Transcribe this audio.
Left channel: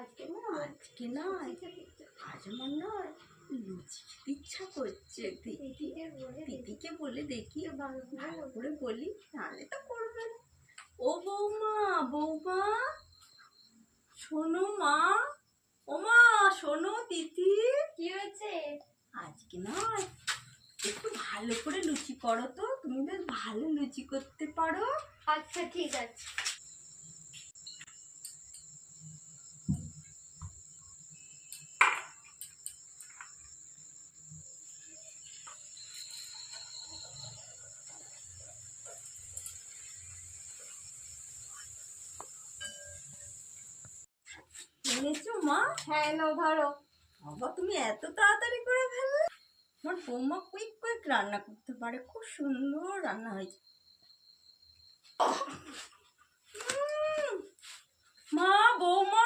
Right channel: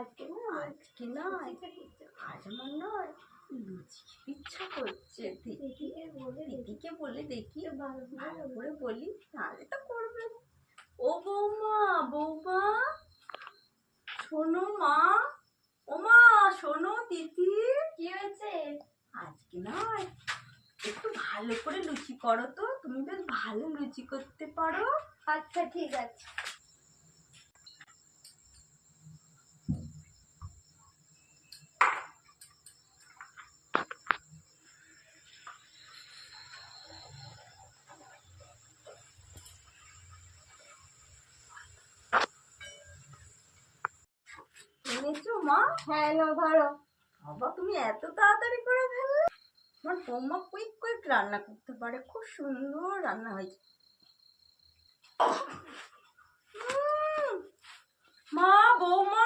আজকে না আজ আমার নয়, লুচি খেতে ইচ্ছা করছে। দিদিকে বলে দেখি, ভালো করে বলি, নাহলে তো করবে। ও বৌমা, বৌমা শোনো মা, ও মা শোনো, দিদি কি হয়েছে? আজকে না একটু ভালো করে লুচি করো তো, তুমি বেশ ভালো লুচি করতে পারো। আচ্ছা ঠিক আছে। এনেছো মা? হ্যাঁ নাও ধরো। বাবা তুমি এত তাড়াতাড়ি করে ফেললে। আমার বৌমা কুইক কুইক রান্না করতে পারে, খুব সুন্দর রান্না হয়েছে। মা, বৌমা